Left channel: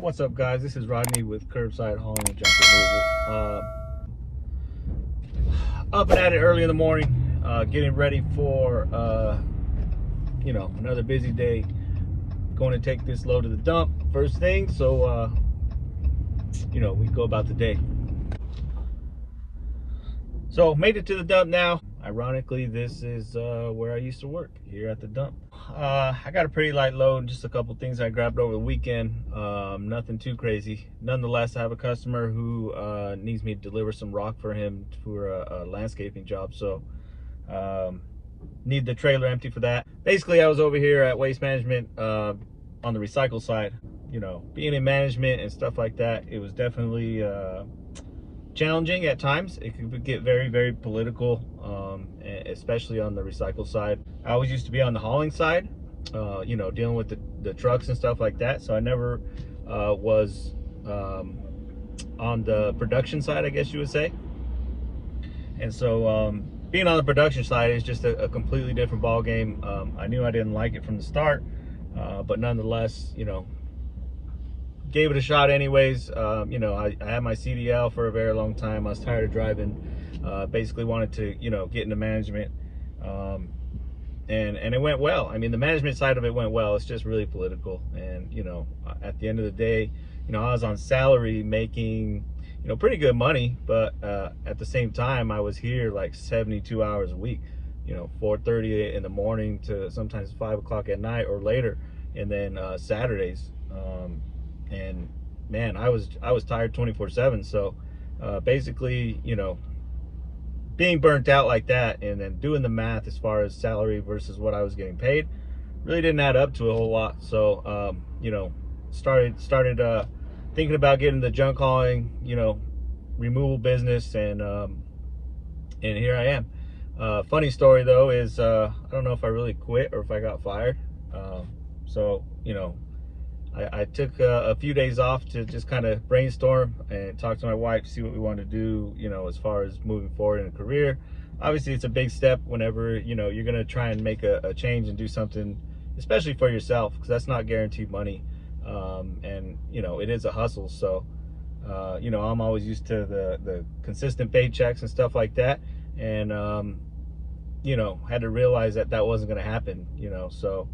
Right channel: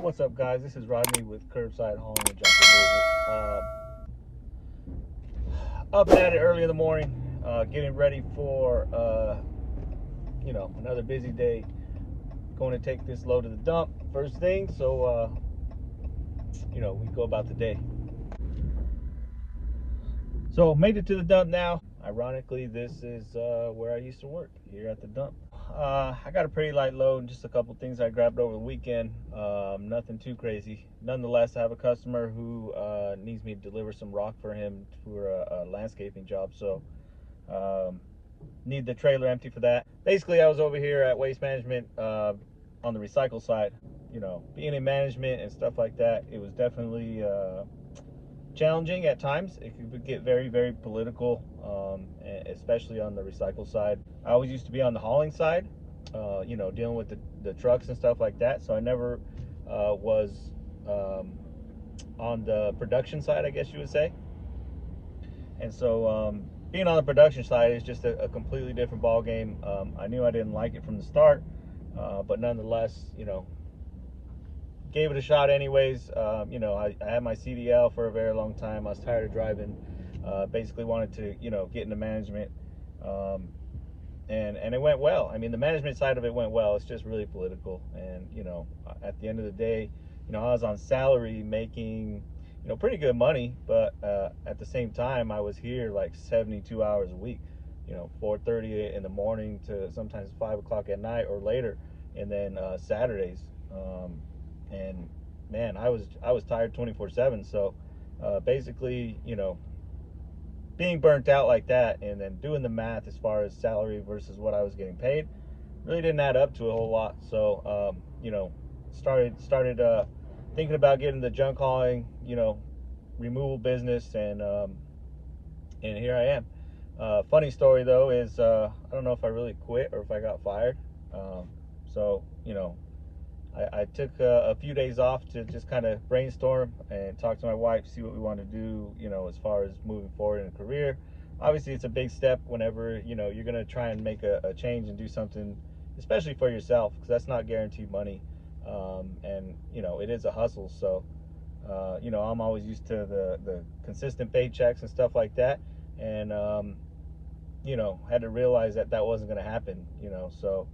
What's up, guys? This is Rodney with Curbside Hauling and Junk Removal. Up and at it early in the morning, getting ready for another busy day. Going to take this load to the dump first thing, so we go about the day. So made it to the dump now. Ironically, this is where I used to work, here at the dump. I got a pretty light load, just a couple things I grabbed over the weekend. Nothing too crazy. Nonetheless, I have a customer who needs me to deliver some rock for him for a landscaping job, so need the trailer empty for that. Basically, I was over here at Waste Management on the recycle side. Being in management and stuff like that, it was definitely challenging at times. It could get very, very political, especially on the recycle side. I always used to be on the hauling side, dealing with the trucks and stuff like that. So I never was on the production side, I guess you would say. And so being on the production side is just a completely different ball game. I knew I didn't like it from the start, but nonetheless, gave it a shot anyways. I had my CDL for a very long time. I was tired of driving, basically wanted to get into management, and it went well. I mean, the management side of it went well. It's just really political, and at the end of the day, I was on salary making pretty good money, but at the same time I was here like 72 hours a week, 4:30 in the morning to sometimes 5 o'clock at night or later, and then Saturdays. And man, I was tired 24/7. So basically, being burnt out like that, and then doing the math as far as salary versus what I was getting paid, really didn't add up to a whole lot. So started thinking about getting the junk hauling removal business, and here I am. Funny story though is I don't know if I really quit or if I got fired. So I took a few days off to just kind of brainstorm and talk to my wife to see what we want to do, as far as moving forward in a career. Obviously, it's a big step whenever, you're going to try and make a change and do something, especially for yourself, because that's not guaranteed money. And, it is a hustle. So, I'm always used to the consistent paychecks and stuff like that. And, had to realize that wasn't going to happen, so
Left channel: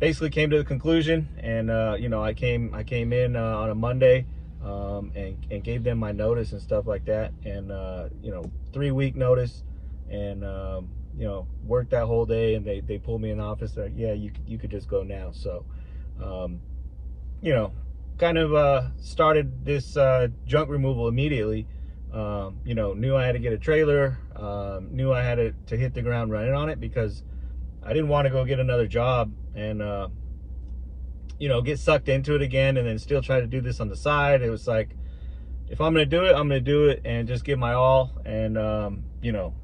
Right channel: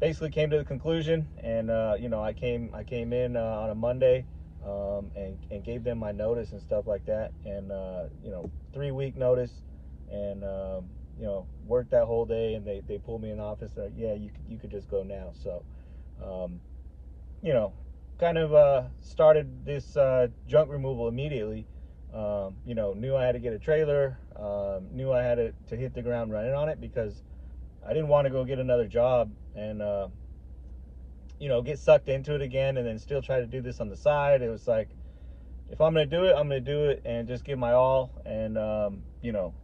basically came to the conclusion, and I came in on a Monday, and gave them my notice and stuff like that, and 3-week notice, and worked that whole day, and they pulled me in the office. They're like, yeah, you could just go now. So kind of started this junk removal immediately. Knew I had to get a trailer, knew I had to hit the ground running on it, because I didn't want to go get another job and get sucked into it again, and then still try to do this on the side. It was like, if I'm gonna do it, I'm gonna do it and just give my all, and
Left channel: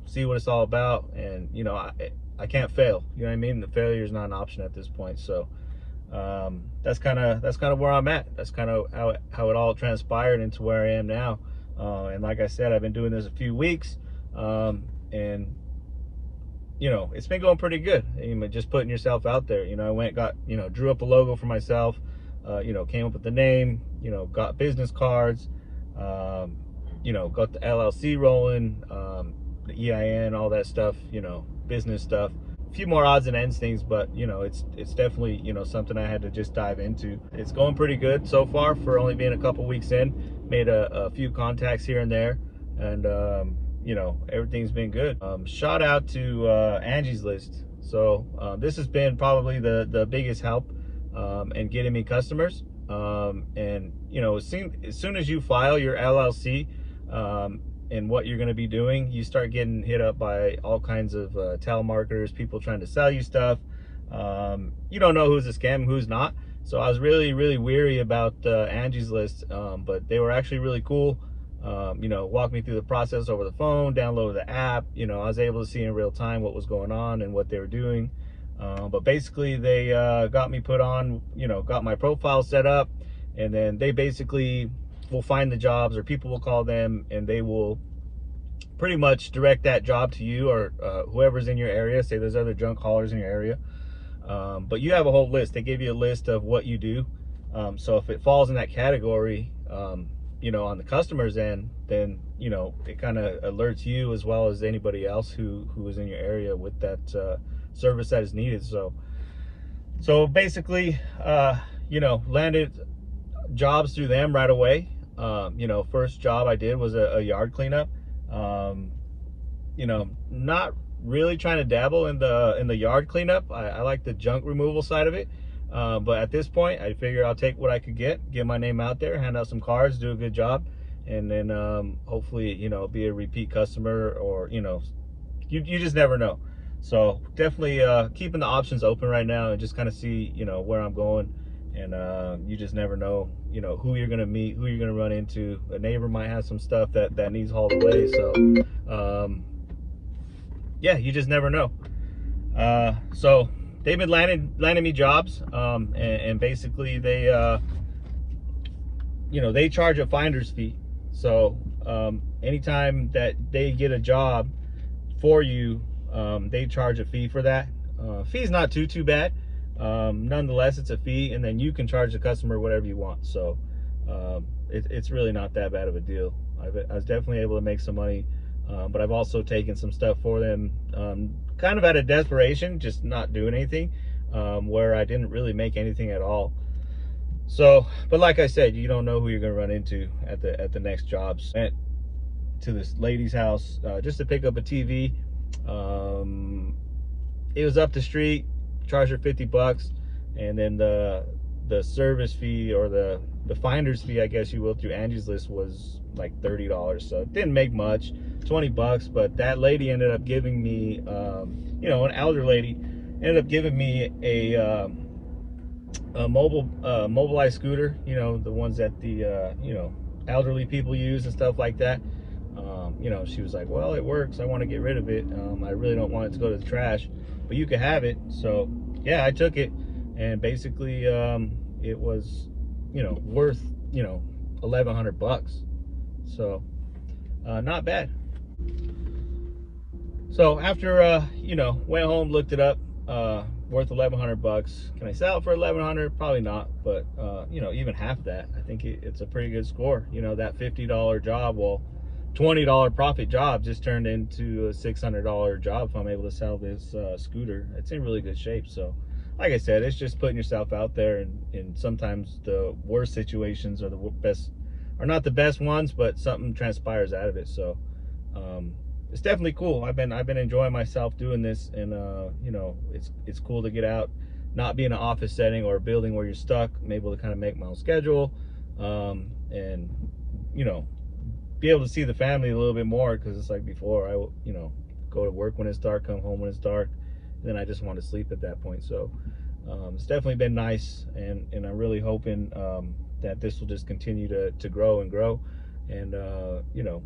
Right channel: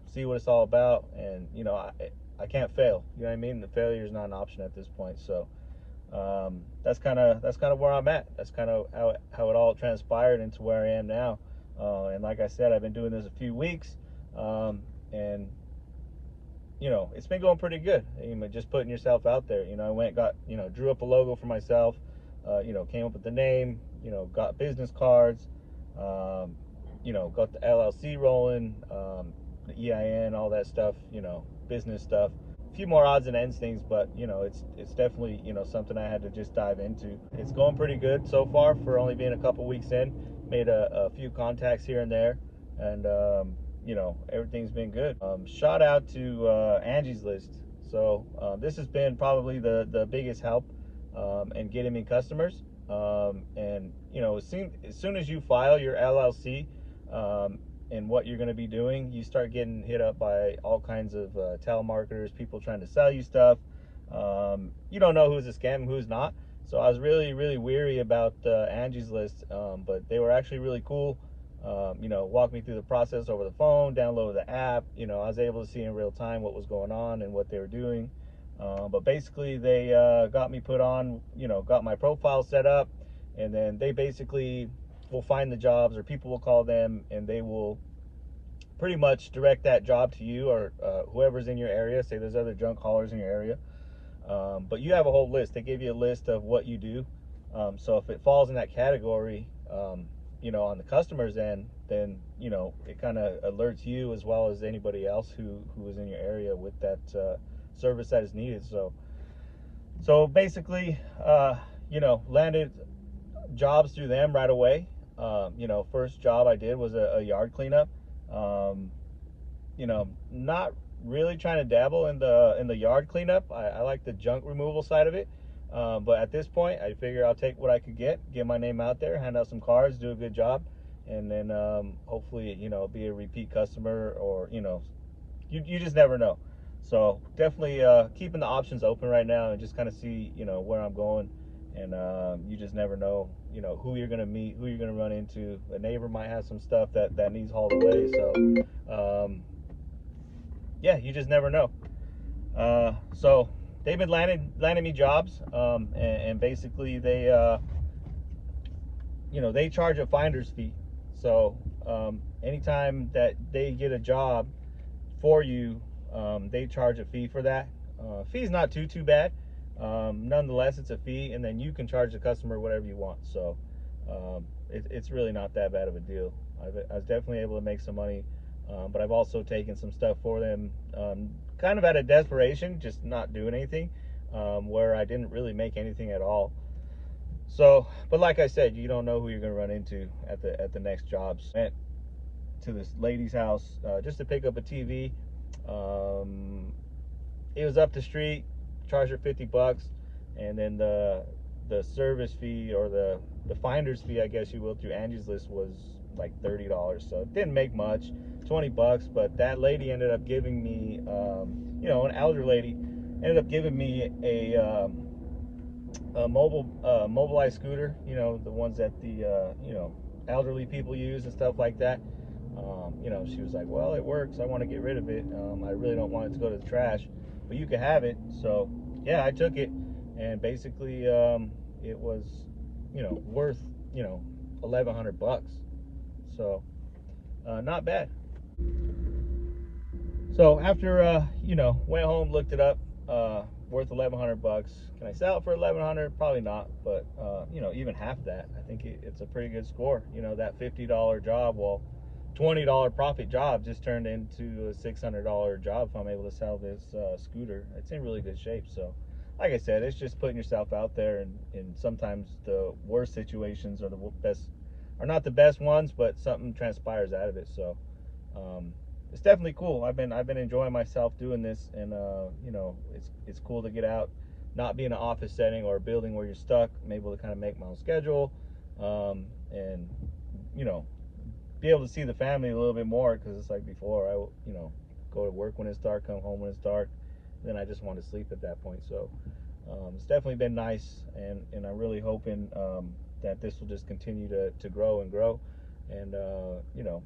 see what it's all about. And I can't fail, you know what I mean? The failure is not an option at this point. So that's kind of where I'm at. That's kind of how it all transpired into where I am now. And like I said, I've been doing this a few weeks, and it's been going pretty good. Just putting yourself out there. I went, got, drew up a logo for myself, came up with the name, got business cards, got the LLC rolling, the EIN, all that stuff, business stuff. A few more odds and ends things, but it's definitely something I had to just dive into. It's going pretty good so far for only being a couple weeks in. Made a few contacts here and there, and everything's been good. Shout out to Angie's List. So this has been probably the biggest help in getting me customers. And as soon as you file your LLC and what you're going to be doing, you start getting hit up by all kinds of telemarketers, people trying to sell you stuff. You don't know who's a scam, who's not. So I was really, really weary about Angie's List, but they were actually really cool. Walked me through the process over the phone, downloaded the app. I was able to see in real time what was going on and what they were doing. But basically they got me put on, got my profile set up, and then they basically will find the jobs, or people will call them, and they will pretty much direct that job to you, or whoever's in your area. Say there's other junk haulers in your area, but you have a whole list. They give you a list of what you do, So if it falls in that category, you know, on the customer's end, then, you know, it kind of alerts you as well as anybody else who is in your area with that service that is needed. So basically, you know, landed jobs through them right away. You know, first job I did was a yard cleanup. You know, not really trying to dabble in the yard cleanup. I like the junk removal side of it. But at this point, I figure I'll take what I could get my name out there, hand out some cards, do a good job, and then hopefully, you know, be a repeat customer, or, you know, you just never know. So definitely keeping the options open right now and just kind of see, you know, where I'm going. And you just never know, you know, who you're gonna meet, who you're gonna run into. A neighbor might have some stuff that needs hauled away. So yeah, you just never know. So they've been landing me jobs, and basically they you know, they charge a finder's fee. So anytime that they get a job for you, they charge a fee for that. Fee's not too bad. Nonetheless, it's a fee, and then you can charge the customer whatever you want. So it's really not that bad of a deal. I was definitely able to make some money, but I've also taken some stuff for them, kind of out of desperation, just not doing anything, where I didn't really make anything at all. So, but like I said, you don't know who you're gonna run into at the next jobs. Went to this lady's house just to pick up a TV. It was up the street. Charged her $50, and then the service fee, or the finder's fee, I guess you will, through Angie's List was like $30. So it didn't make much, $20. But that lady ended up giving me, you know, an elder lady ended up giving me a mobilized scooter. You know, the ones that the you know, elderly people use and stuff like that. You know, she was like, well, it works. I want to get rid of it. I really don't want it to go to the trash, but you can have it. So yeah, I took it, and basically it was, you know, worth, you know, $1,100. So not bad. So after you know, went home, looked it up, worth $1,100. Can I sell it for $1,100? Probably not, but you know, even half that, I think it's a pretty good score. You know, that $50 job, well, $20 profit job just turned into a $600 job if I'm able to sell this scooter. It's in really good shape. So like I said, it's just putting yourself out there, and sometimes the worst situations are the best, are not the best ones, but something transpires out of it. So it's definitely cool. I've been enjoying myself doing this, and you know, it's cool to get out, not be in an office setting or a building where you're stuck. I'm able to kind of make my own schedule, and you know, be able to see the family a little bit more, because it's like before, I, you know, go to work when it's dark, come home when it's dark, and then I just want to sleep at that point. So it's definitely been nice, and I'm really hoping that this will just continue to grow and grow, and you know,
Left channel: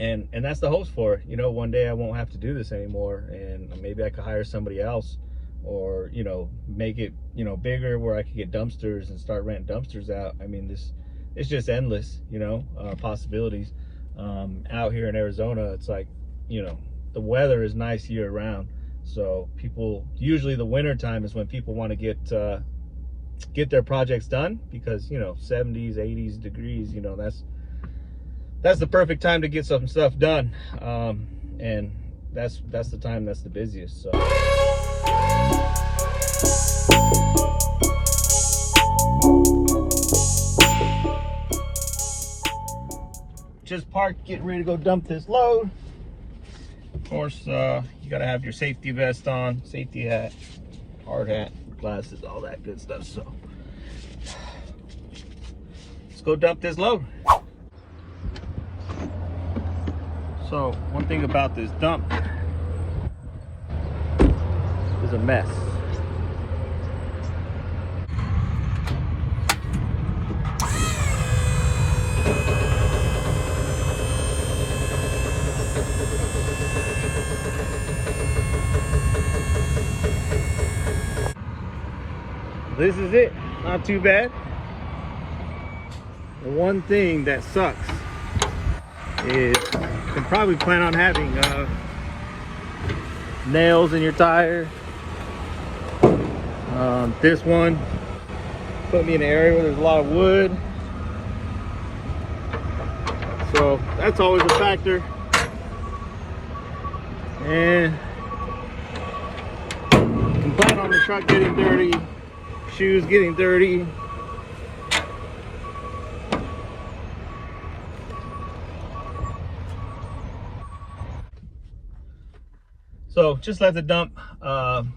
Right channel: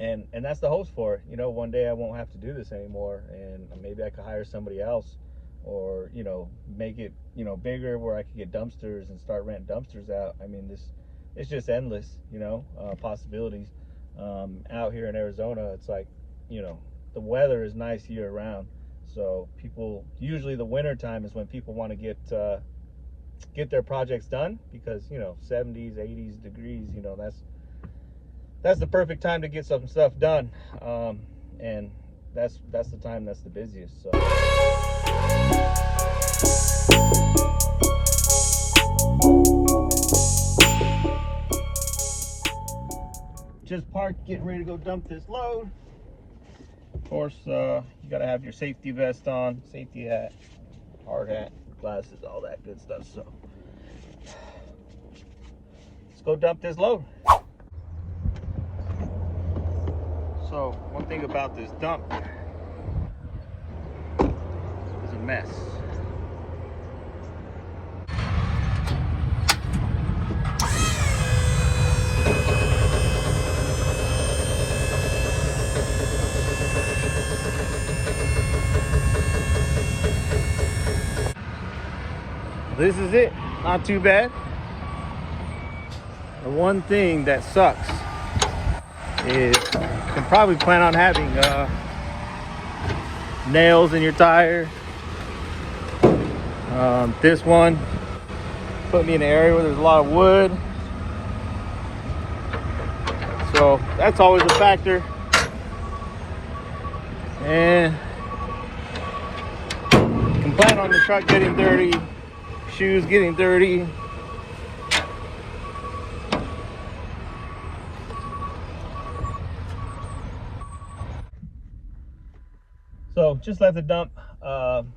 and that's the hopes for it. You know, one day I won't have to do this anymore, and maybe I could hire somebody else, or, you know, make it, you know, bigger, where I could get dumpsters and start renting dumpsters out. I mean, it's just endless, you know, possibilities. Out here in Arizona, it's like, you know, the weather is nice year round. So people, usually the winter time is when people want to get their projects done, because, you know, 70s, 80s degrees, you know, that's the perfect time to get some stuff done. And that's the time that's the busiest. So just parked, getting ready to go dump this load. Of course, you gotta have your safety vest on, safety hat, hard hat, glasses, all that good stuff. So let's go dump this load. So one thing about this dump is a mess. This is it, not too bad. The one thing that sucks is you can probably plan on having nails in your tire. This one Put me in an area where there's a lot of wood. So that's always a factor. And complain on the truck getting dirty, shoes getting dirty. So just left the dump.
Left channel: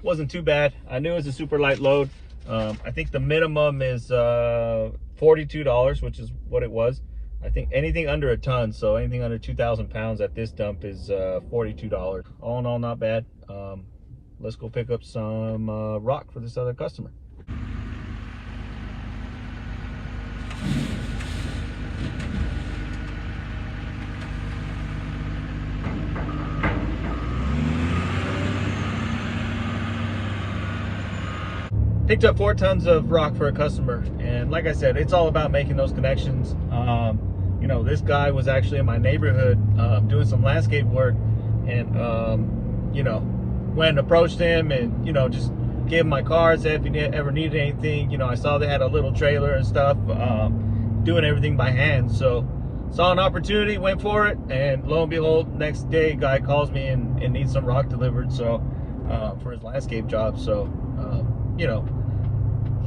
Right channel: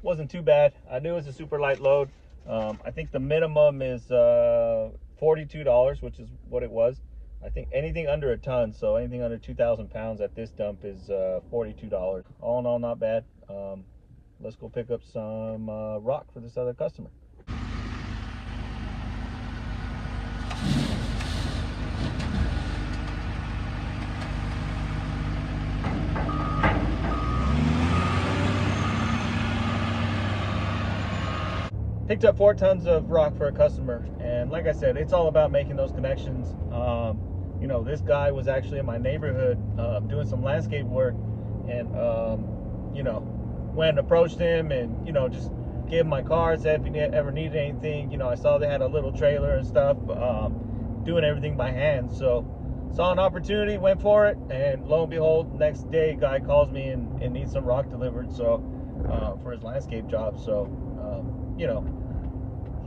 Wasn't too bad. I knew it was a super light load. I think the minimum is $42, which is what it was. I think anything under a ton, so anything under 2,000 pounds at this dump is $42. All in all, not bad. Let's go pick up some rock for this other customer. Picked up 4 tons of rock for a customer, and like I said, it's all about making those connections. You know, this guy was actually in my neighborhood doing some landscape work, and you know, went and approached him, and you know, just gave him my card, said if he ever needed anything. You know, I saw they had a little trailer and stuff, doing everything by hand, so saw an opportunity, went for it, and lo and behold, next day guy calls me and needs some rock delivered, so for his landscape job. So you know,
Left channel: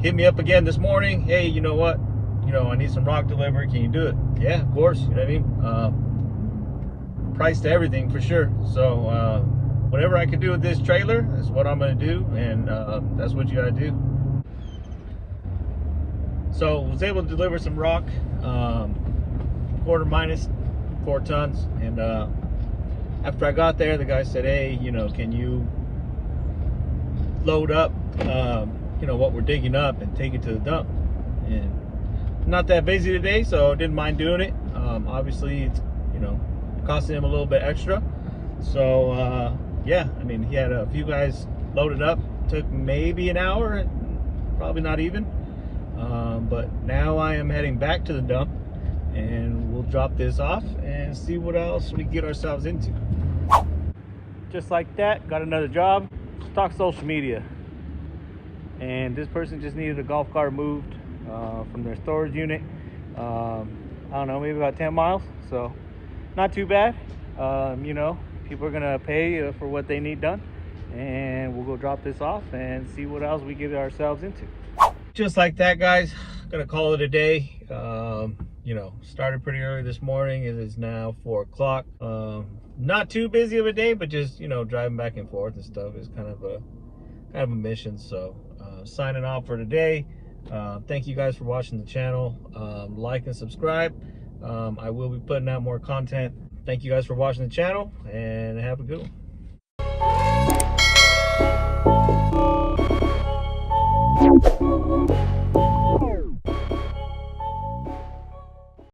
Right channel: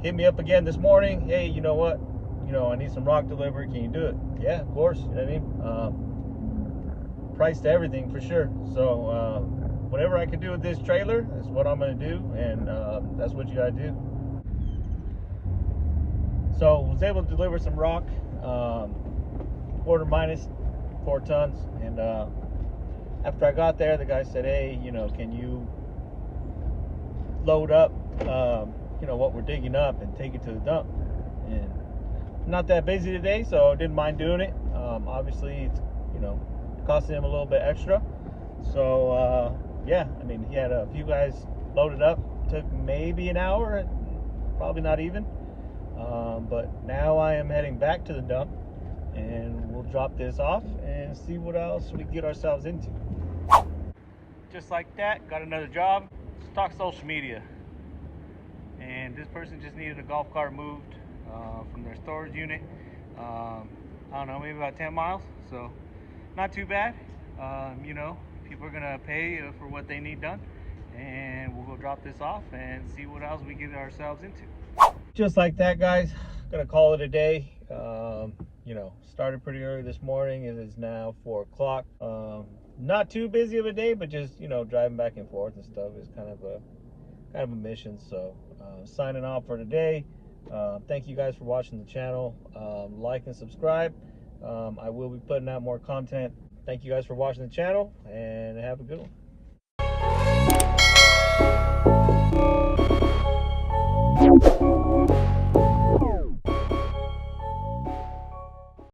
hit me up again this morning. Hey, you know what? You know, I need some rock delivered. Can you do it? Yeah, of course. You know what I mean? Price to everything for sure. So whatever I could do with this trailer is what I'm going to do, and that's what you got to do. So was able to deliver some rock, quarter minus 4 tons, and after I got there, the guy said, hey, you know, can you load up you know, what we're digging up and take it to the dump? And not that busy today, so didn't mind doing it. Obviously, it's, you know, costing him a little bit extra. So yeah, I mean, he had a few guys loaded up. Took maybe an hour, probably not even. But now I am heading back to the dump, and we'll drop this off and see what else we get ourselves into. Just like that, got another job. Let's talk social media. And this person just needed a golf cart moved from their storage unit. I don't know, maybe about 10 miles. So not too bad. You know, people are gonna pay for what they need done, and we'll go drop this off and see what else we get ourselves into. Just like that, guys, gonna call it a day. You know, started pretty early this morning. It is now 4 o'clock. Not too busy of a day, but just, you know, driving back and forth and stuff is kind of a mission. So signing off for today. Thank you guys for watching the channel. Like and subscribe. I will be putting out more content. Thank you guys for watching the channel, and have a good one.